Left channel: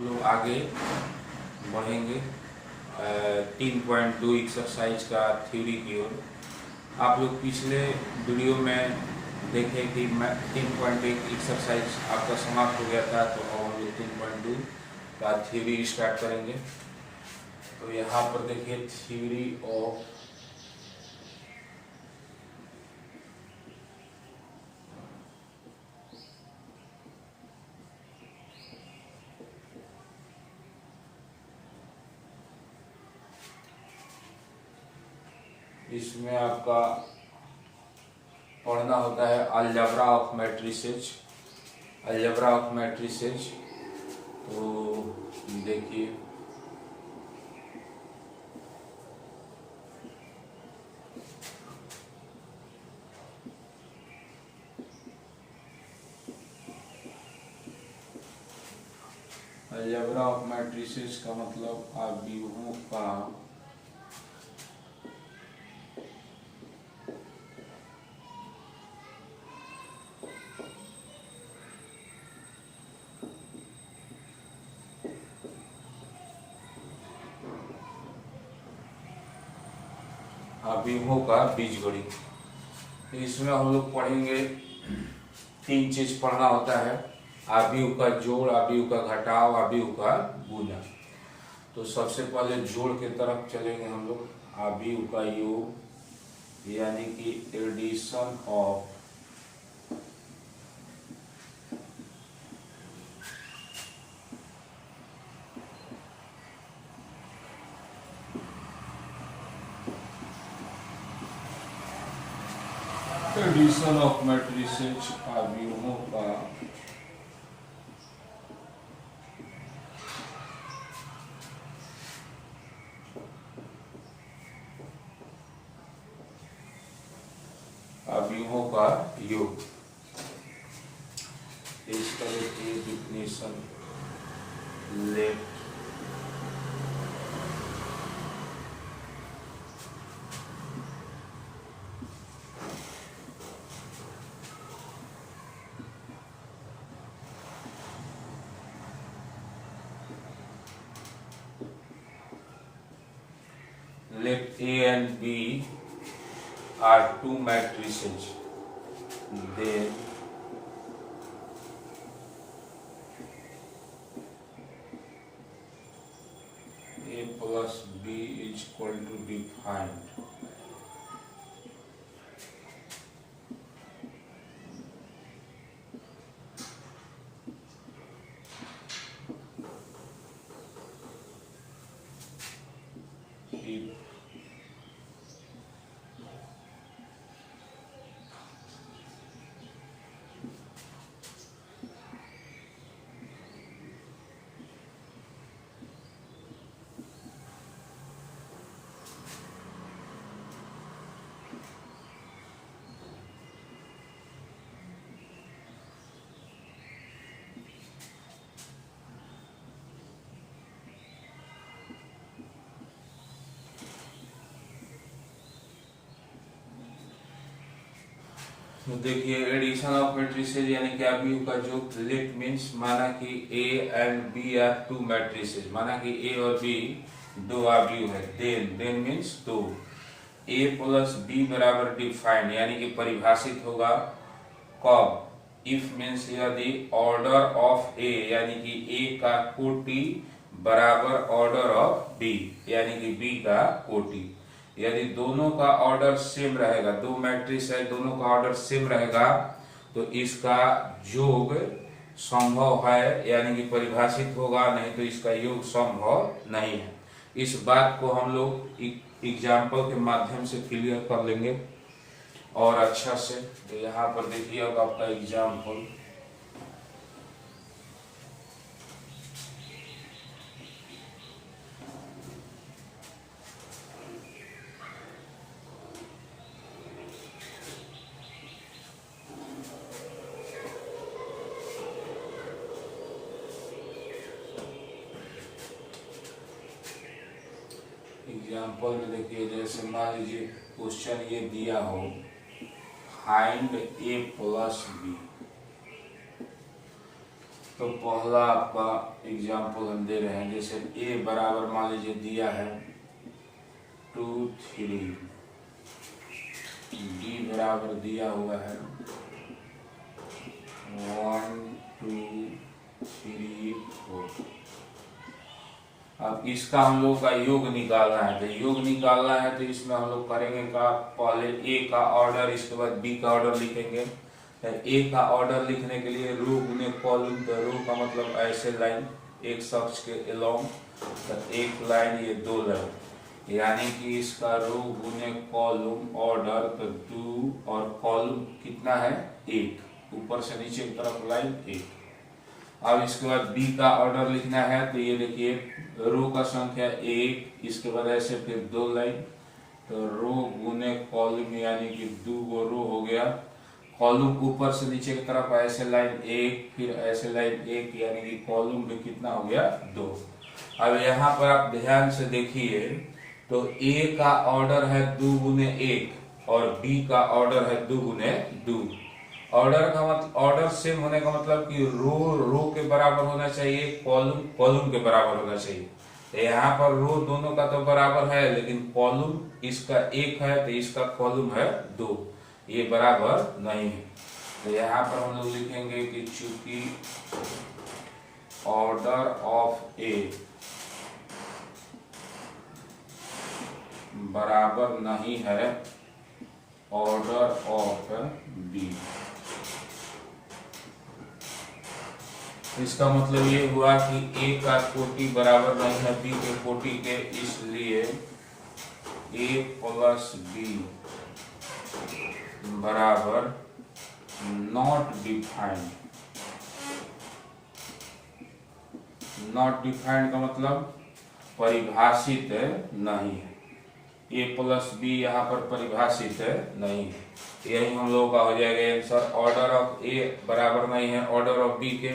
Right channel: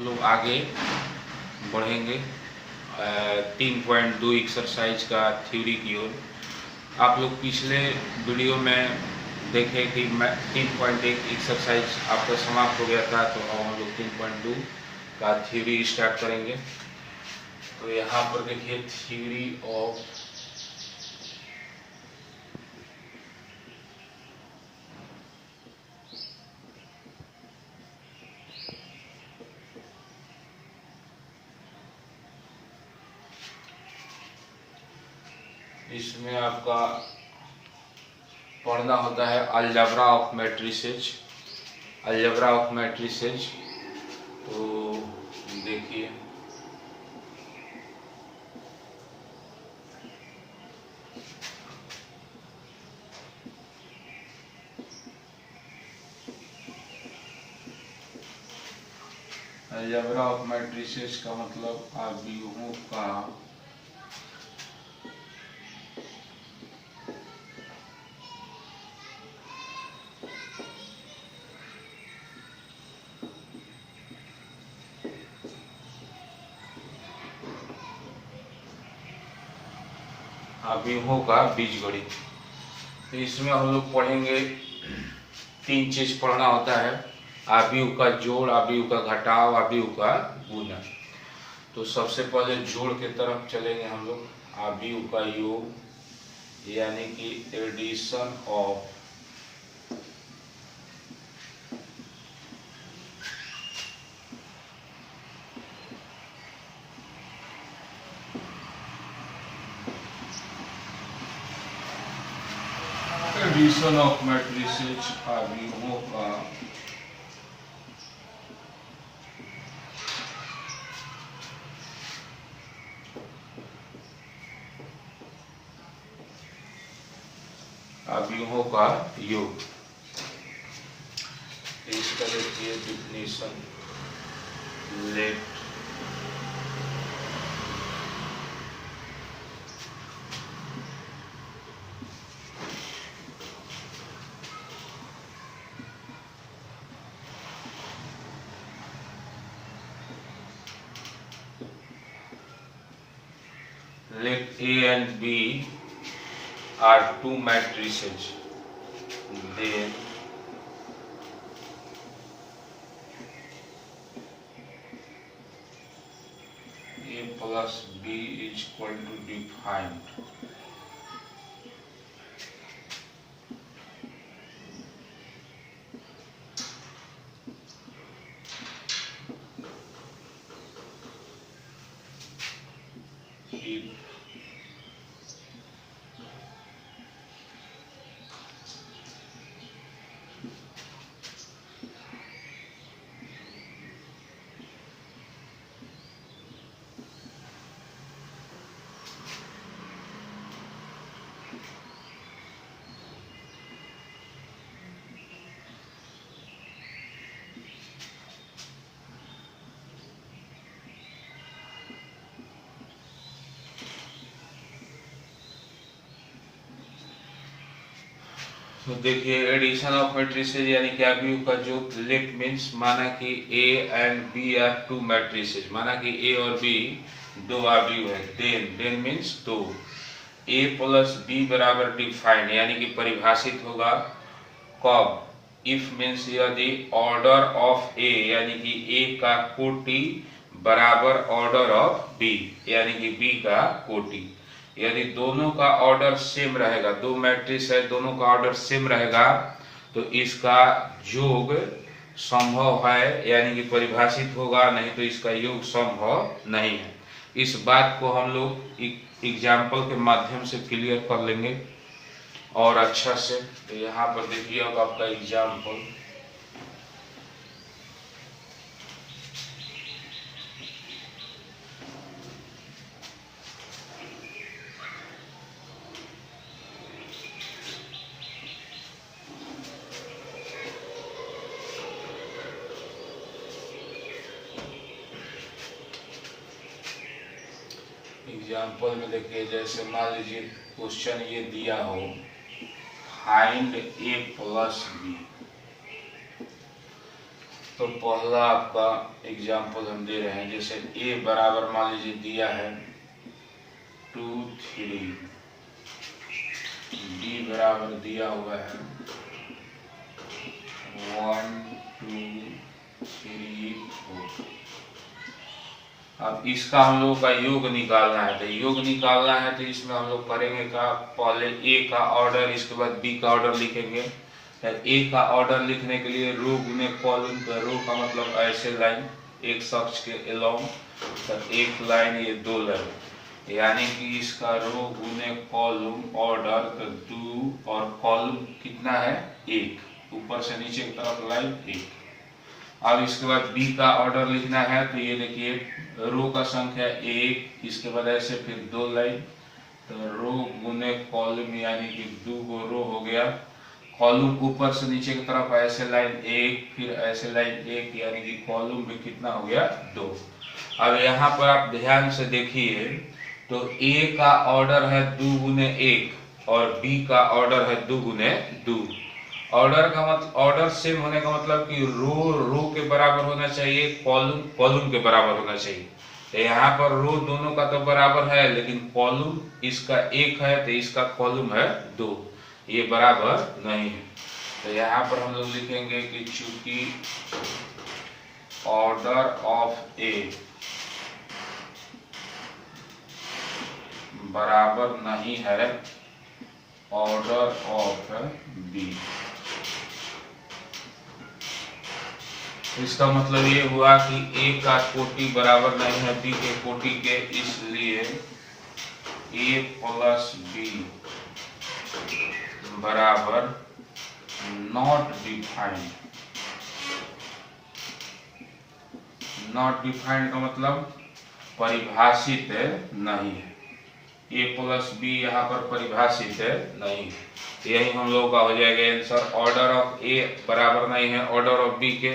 हम लोग आगे बढ़ेंगे 3.2 एक्सरसाइज का थ्योरी की ओर। आप लोग पिछले वीडियो में देखे कि मैं 3.1 एक्सरसाइज आपका समाप्त हो गया था, तो अब हम लोग 3.2 का थ्योरी स्टार्ट करेंगे। तो यहाँ पर देखिए थ्योरी ऑफ इसमें आपका पढ़ना होता है algebra of matrices. Algebra of matrices तो देखिए अलजेब्रा ऑफ मैट्रिसेज का मतलब आव्यूहों का आव्यूहों का बीजगणित। तो इसमें हम लोग पढ़ेंगे, 3 चीज पढ़ना होता है: आव्यूह का जोड़, आव्यूह का घटाव, आव्यूह का गुणा। तो सबसे पहले जोड़ के तरफ चलेंगे हम लोग। आव्यूह का योग यानी कि एडिशन ऑफ मैट्रिसेज आव्यूहों का आव्यूहों का योग। इसका देखिए definition, let let A and B are two matrices, then A plus B is equal to defined. If तो देखिए एडिशन ऑफ मैट्रिसेज यानी कि आव्यूह का जो लेट मीन्स, माना कि A and B are two matrices, माना कि ए और बी दो आव्यूह है। देन मीन्स दो। ए प्लस बी बराबर डिफाइंड यानी कि परिभाषित होगा कब? इफ मीन्स यदि ऑर्डर ऑफ ए यानी कि ए का कोटि बराबर ऑर्डर ऑफ बी यानी कि बी का कोटि। यदि दोनों का ऑर्डर सेम रहेगा, दो मैट्रिक्स है, दोनों का ऑर्डर सेम रहेगा, तो इसका योग संभव है यानी कि परिभाषित होगा, नहीं तो इसका योग संभव नहीं है। इस बात को हम लोग एग्जाम्पल के माध्यम से क्लियर कर लेंगे और अच्छा से। तो यहाँ पर देखिए अब आपका एग्जाम्पल, एग्जाम्पल में देखिए, जैसे मान लीजिए क्वेश्चन ये दिया हो, फाइंड ए प्लस बी। तो पहला आपका एग्जाम्पल हम दे रहे हैं, जैसे ए बराबर मान लीजिए दिया है 2 3, बी बराबर दिया हुआ है 1 2 3 4। अब इसका हम लोग का योग निकालना है, तो योग निकालना है तो इसमें हम लोग करेंगे का, पहले ए का ऑर्डर, इसके बाद बी का ऑर्डर लिखेंगे। ए का ऑर्डर लिखने के लिए रो गुने कॉलम, तो रो का मतलब ऐसे लाइन एक शख्स के अलोंग, तो एक लाइन ये 2 लाइन, यानी कि इसका रो गुने कॉलम ऑर्डर तो 2 और कॉलम कितना है 1, ऊपर से नीचे की तरफ लाइन 1। अब इसके बाद बी का ऑर्डर लिखना है, तो ये देखिए रो का संख्या 1, इसके बाद ऐसे फिर 2 लाइन, तो रो गुने कॉलम यानी कि 2 गो रो हो गया, कॉलम ऊपर से नीचे की तरफ ऐसे लाइन 1, फिर ऐसे लाइन 1, यानी कि कॉलम भी कितना हो गया 2। अब यहाँ पर आप ध्यान से देखिए, तो ए का ऑर्डर है 2 गुने 1 और बी का ऑर्डर है 2 गुने 2। ऑर्डर का मतलब, ऑर्डर सेम होने का मतलब कि रो के बराबर होना चाहिए, कॉलम कॉलम के बराबर होना चाहिए। तो यहाँ पर रो दोनों का तो बराबर है, लेकिन कॉलम इसका 1 है तो इसका कॉलम है 2, ये बराबर नहीं है। तो यहाँ पर हम लोग लिखेंगे कि चूंकि ऑर्डर ऑफ ए बराबर नहीं है ऑर्डर ऑफ बी, इसका मतलब ये हुआ कि ए का कोटि बराबर नहीं है बी के कोटि के, इसलिए ए प्लस बी बराबर नॉट डिफाइंड। नॉट डिफाइंड का मतलब परिभाषित नहीं है, ए प्लस बी यहाँ पर परिभाषित नहीं है। यही हम लोगों का हो जाएगा आंसर। ऑर्डर ऑफ ए बराबर नहीं है ऑर्डर ऑफ बी के,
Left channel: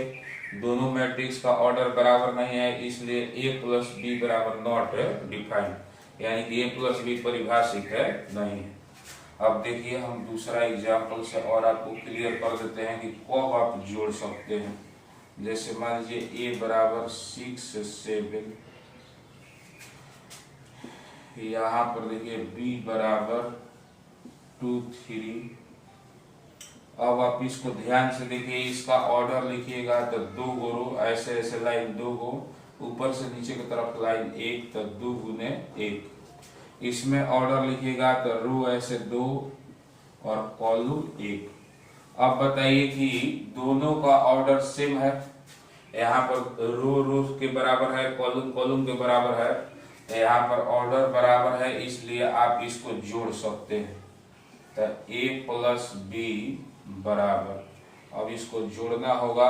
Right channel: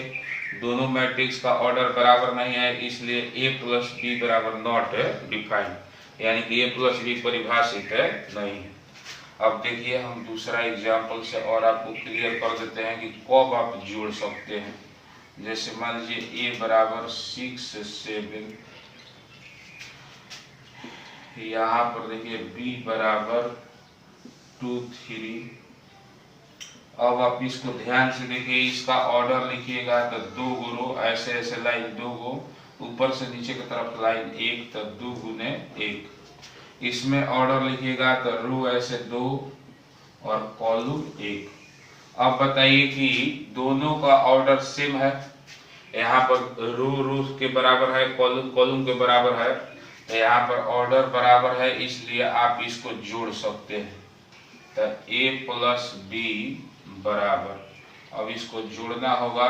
दोनों मैट्रिक्स का ऑर्डर बराबर नहीं है, इसलिए ए प्लस बी बराबर नॉट डिफाइंड, यानी कि ए प्लस बी परिभाषित नहीं है। अब देखिए हम दूसरा एग्जाम्पल से और आपको क्लियर कर देते हैं कि कब आप जोड़ सकते हैं। जैसे मान लीजिए ए बराबर 6 7, यहाँ पर देखिए बी बराबर 2 3। अब आप इसको ध्यान से देखिए, इसका ऑर्डर लिखिएगा तो 2 गो रो, ऐसे ऐसे लाइन 2 गो, ऊपर से नीचे की तरफ लाइन 1, तो 2 गुने 1। इसमें ऑर्डर लिखिएगा तो रो ऐसे 2 और कॉलम 1। अब बताइए कि दोनों का ऑर्डर सेम है, यहाँ पर रो के बराबर है, कॉलम के बराबर है, यहाँ पर ऑर्डर बराबर है, इसलिए आप इसको जोड़ सकते हैं। तो ए प्लस बी बराबर, अब इसको जोड़ना होगा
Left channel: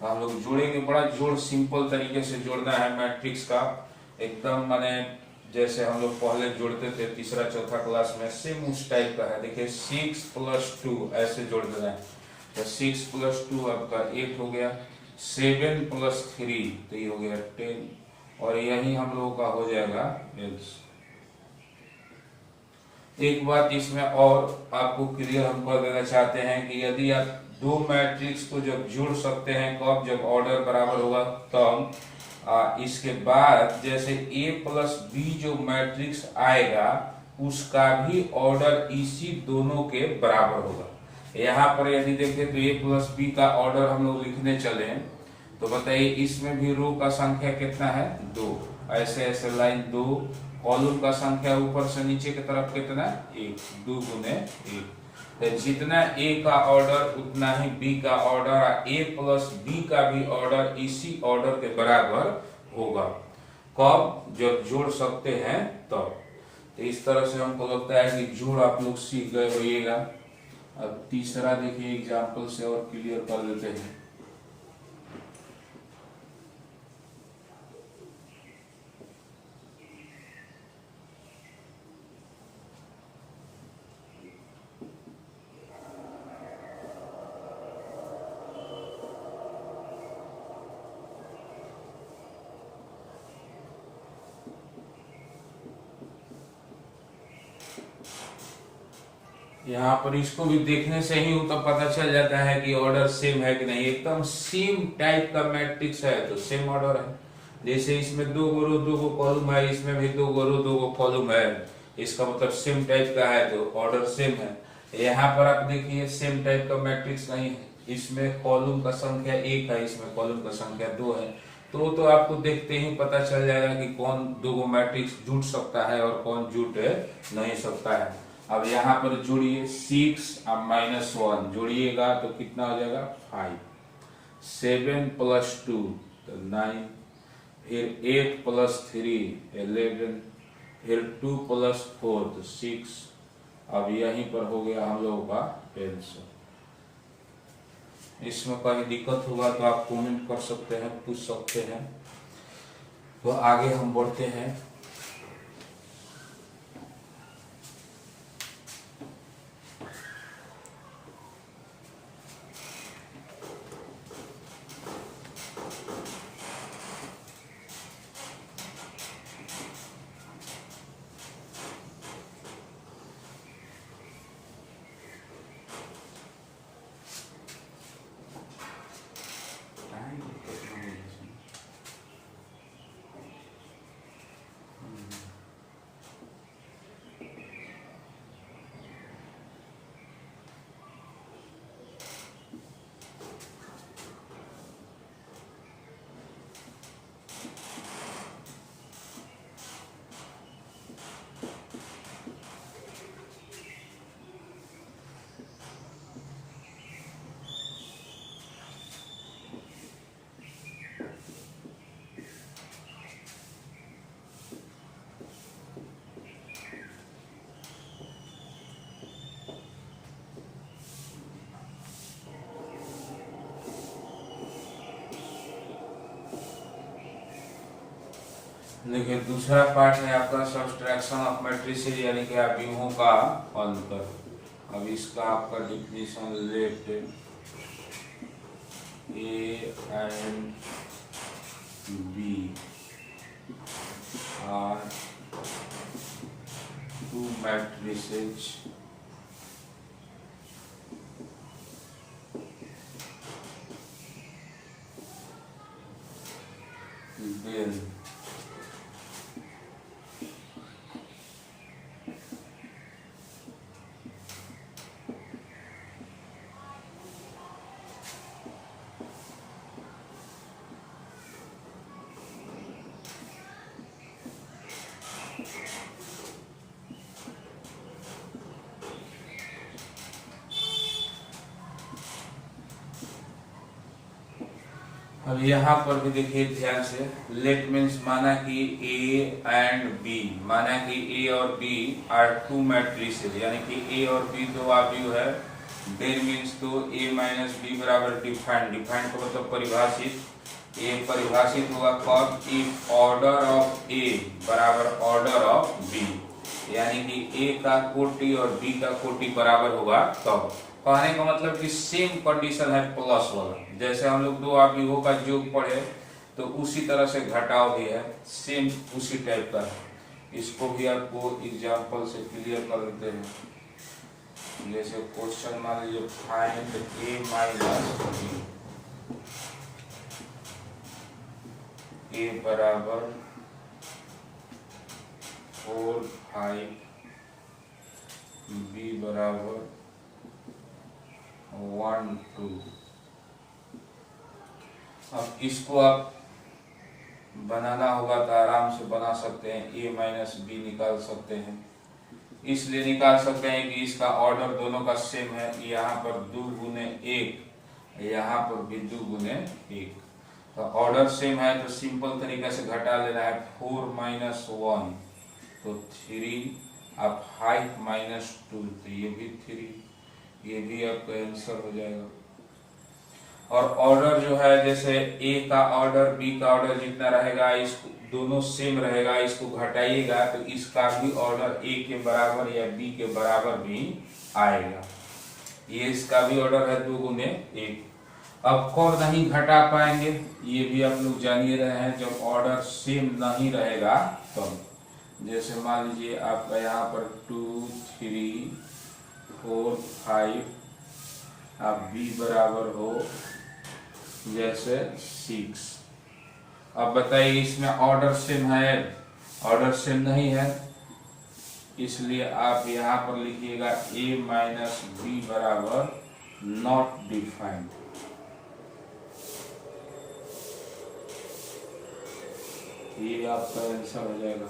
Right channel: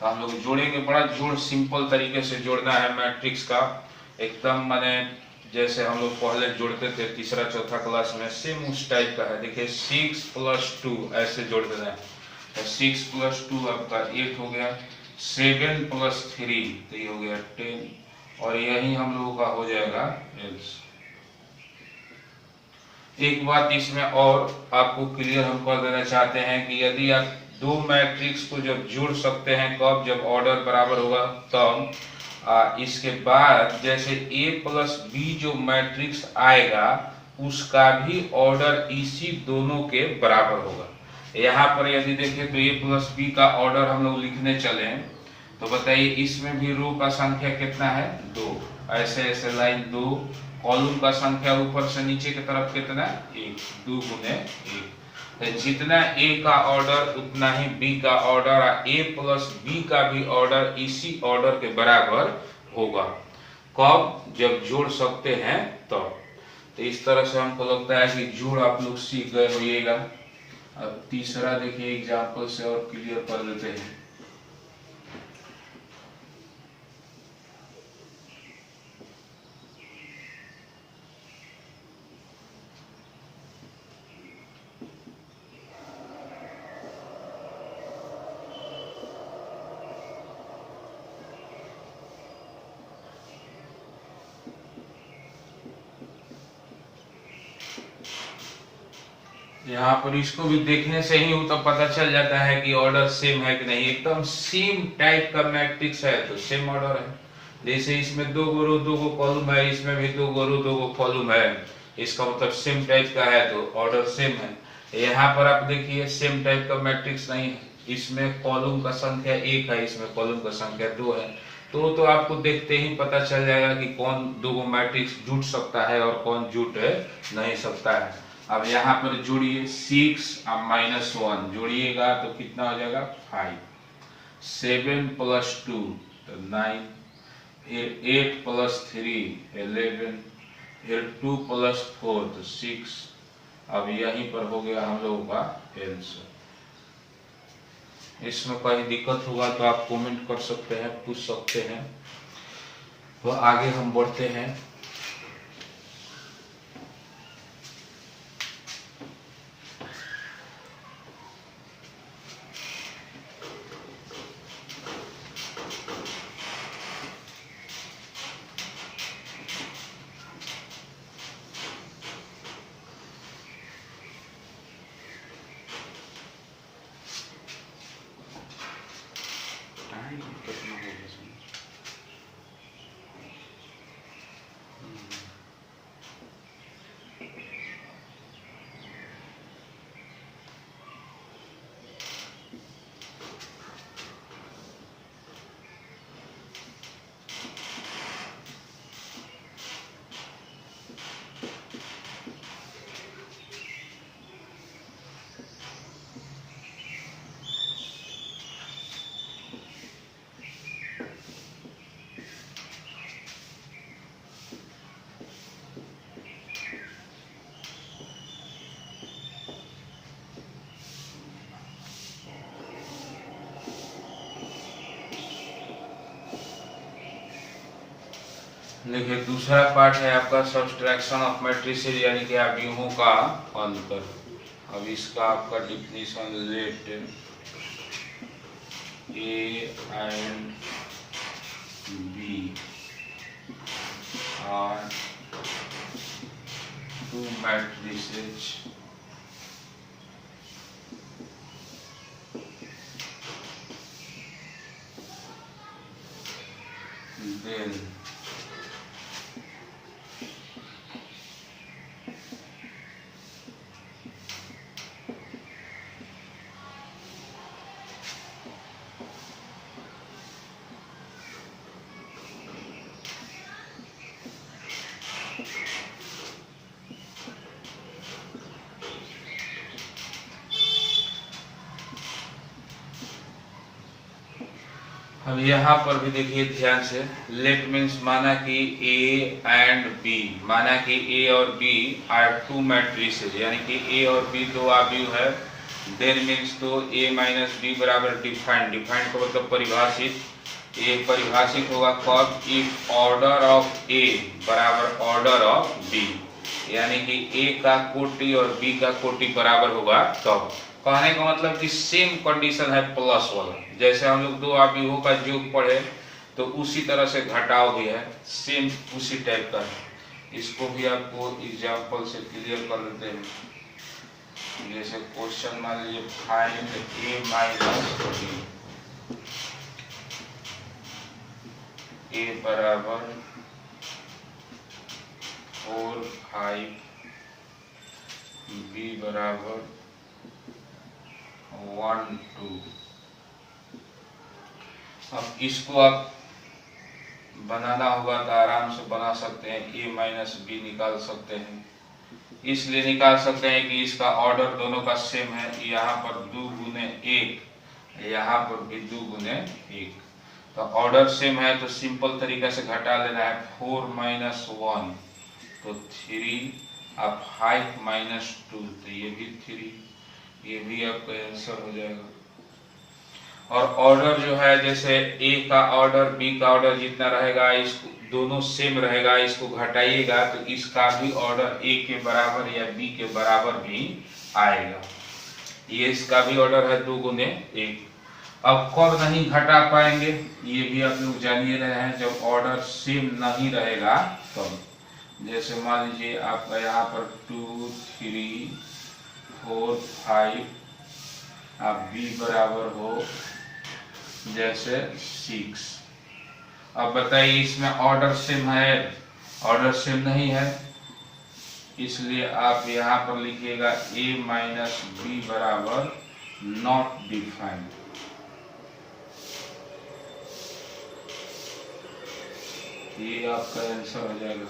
तो हम लोग जोड़ेंगे, बड़ा जोड़ सिंपल तरीके से जोड़ना है मैट्रिक्स का, एकदम माने जैसे हम लोग पहले जोड़ते थे तीसरा चौथा क्लास में, सेम उस टाइप का है। देखिए 6 + 2 ऐसे जोड़ देना है, तो 6 + 2 आपका 8 हो गया, 7 + 3 तो ये हो गया 10, और यही हम लोगों का हो जाएगा एल्स। एक बात इसमें और आपको क्लियर हम कर देना चाहते हैं कि यदि आप दो मैट्रिक्स को जब जोड़ सकते हैं कब, जब ऑर्डर बराबर होगा तब। इसके बाद जैसे a प्लस बी जो मैट्रिक्स आएगा उसका भी ऑर्डर इसी दोनों के बराबर होगा। यहाँ पर यदि देखें तो a प्लस बी का ऑर्डर हम लोग लिखने चले तो बताइए इसमें भी रो का संख्या कितना है 2, ऐसे ऐसे लाइन 2, कॉलम का संख्या ऊपर से नीचे की तरफ कितना 1, 2 गुने 1। तो जितना a का ऑर्डर उतना ही b का ऑर्डर, a प्लस b का भी ऑर्डर इसी ऑर्डर के बराबर होगा। कब, जब जोड़ सकते हैं तो इस तरह से हमको लगता है कि जोड़ आप लोग सीख गए होइएगा। अब तीसरा देखिए एग्जाम्पल से और क्लियर कर देते हैं। यहाँ पर इसको भी देखने से ही तो पता चल जाता है कि ऑर्डर सेम है कि नहीं। एकदम सेम टाइप का मैट्रिक्स है तो सेम ऑर्डर है। जैसे इसमें 2 रो 2 कॉलम है, इसमें भी 2 रो 2 कॉलम है, इसका मतलब सेम टाइप का है तो ऑर्डर सेम है। यहाँ पर आप देखिए सेम टाइप का मैट्रिक्स नहीं है, इसमें कॉलम का संख्या 1 है, इसमें कॉलम का संख्या 2 है। तो आपको देखते ही पता चल जाएगा कि कौन दो मैट्रिक्स जुड़ सकता है और कौन जुड़ नहीं सकता है। अब यहाँ पर जोड़िए 6 और -1 जोड़िएगा तो कितना हो जाएगा 5, 7 + 2 तो 9, फिर 8 + 3 11, फिर 2 + 4 तो 6। अब यहीं पर हो गया हम लोगों का आंसर। इसमें कहीं दिक्कत होगा तो आप कमेंट कर सकते हैं, पूछ सकते हैं। तो आगे हम बढ़ते हैं। देखिए दूसरा पार्ट है आपका सब्सट्रैक्शन ऑफ मैट्रिसेस यानी कि अवयवों का अंतर। अब इसका आपका definition let A and B are two matrices then अब यहाँ पर भी देखिए ध्यान से, लेट मीन्स माना कि ए एंड बी, माना कि ए और बी आर टू मैट्रिसेस यानी कि ए और बी दो अवयव है। देन मीन्स तो ए माइनस बी बराबर डिफाइंड, डिफाइंड का मतलब परिभाषित। ए परिभाषित होगा कब, इफ ऑर्डर ऑफ ए बराबर ऑर्डर ऑफ बी, यानी कि ए का कोटि और बी का कोटि बराबर होगा तब। कहने का मतलब कि सेम कंडीशन है प्लस वाला, जैसे हम लोग दो अवयवों का योग पढ़े तो उसी तरह से घटाव भी है, सेम उसी टाइप का है। इसको भी आपको एग्जांपल से क्लियर कर देते हैं। जैसे क्वेश्चन मान लीजिए फाइंड ए माइनस बी, ए बराबर 4 5, बी बराबर 1 2। अब इसको आप बनाना होगा तो आराम से बना सकते हैं, ए माइनस बी निकाल सकते हैं। इसलिए निकाल सकते हैं कि इसका ऑर्डर दोनों का सेम है, यहाँ पर 2 गुने 1, यहाँ पर भी 2 गुने 1, तो ऑर्डर सेम है तो सिंपल तरीका से घटा लेना है। 4 माइनस 1 तो 3, अब 5 माइनस 2 तो ये भी 3, ये भी आपका आंसर हो जाएगा। और ऑर्डर जो है जैसे ए का ऑर्डर बी का ऑर्डर जितना रहेगा, इसको दोनों सेम रहेगा, इसको घटाइएगा तो इसका भी ऑर्डर ए के बराबर या बी के बराबर भी आएगा। ये इसका भी ऑर्डर है 2 गुने 1। अब कब नहीं घटा पाएंगे ये भी आप लोग जान ही रहे हैं, जब ऑर्डर सेम नहीं रहेगा तब। जैसे मान लीजिए आपका यहाँ पर 2 3 4 5, अब बी बराबर हो जैसे 6। अब बताइए इसमें ऑर्डर सेम है? ऑर्डर सेम नहीं है, इसलिए आप यहाँ पर लिखिएगा a माइनस बी बराबर नॉट डिफाइंड। ये आपका आंसर हो जाएगा।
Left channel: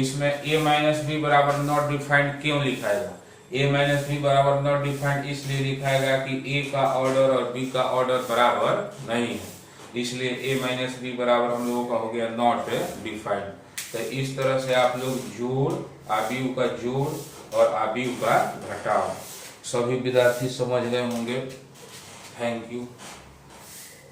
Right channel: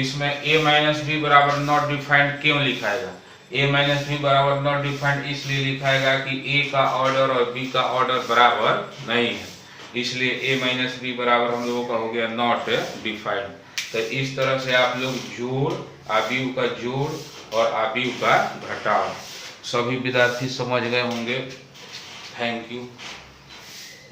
इसमें a माइनस बी बराबर नॉट डिफाइंड क्यों लिखाएगा? a माइनस बी बराबर नॉट डिफाइंड इसलिए लिखाएगा कि a का ऑर्डर और b का ऑर्डर बराबर नहीं है, इसलिए a माइनस बी बराबर हम लोगों का हो गया नॉट डिफाइंड। तो इस तरह से आप लोग जोड़, आव्यूह का जोड़ और आव्यूह का घटाव सभी विद्यार्थी समझ गए होंगे। Thank you.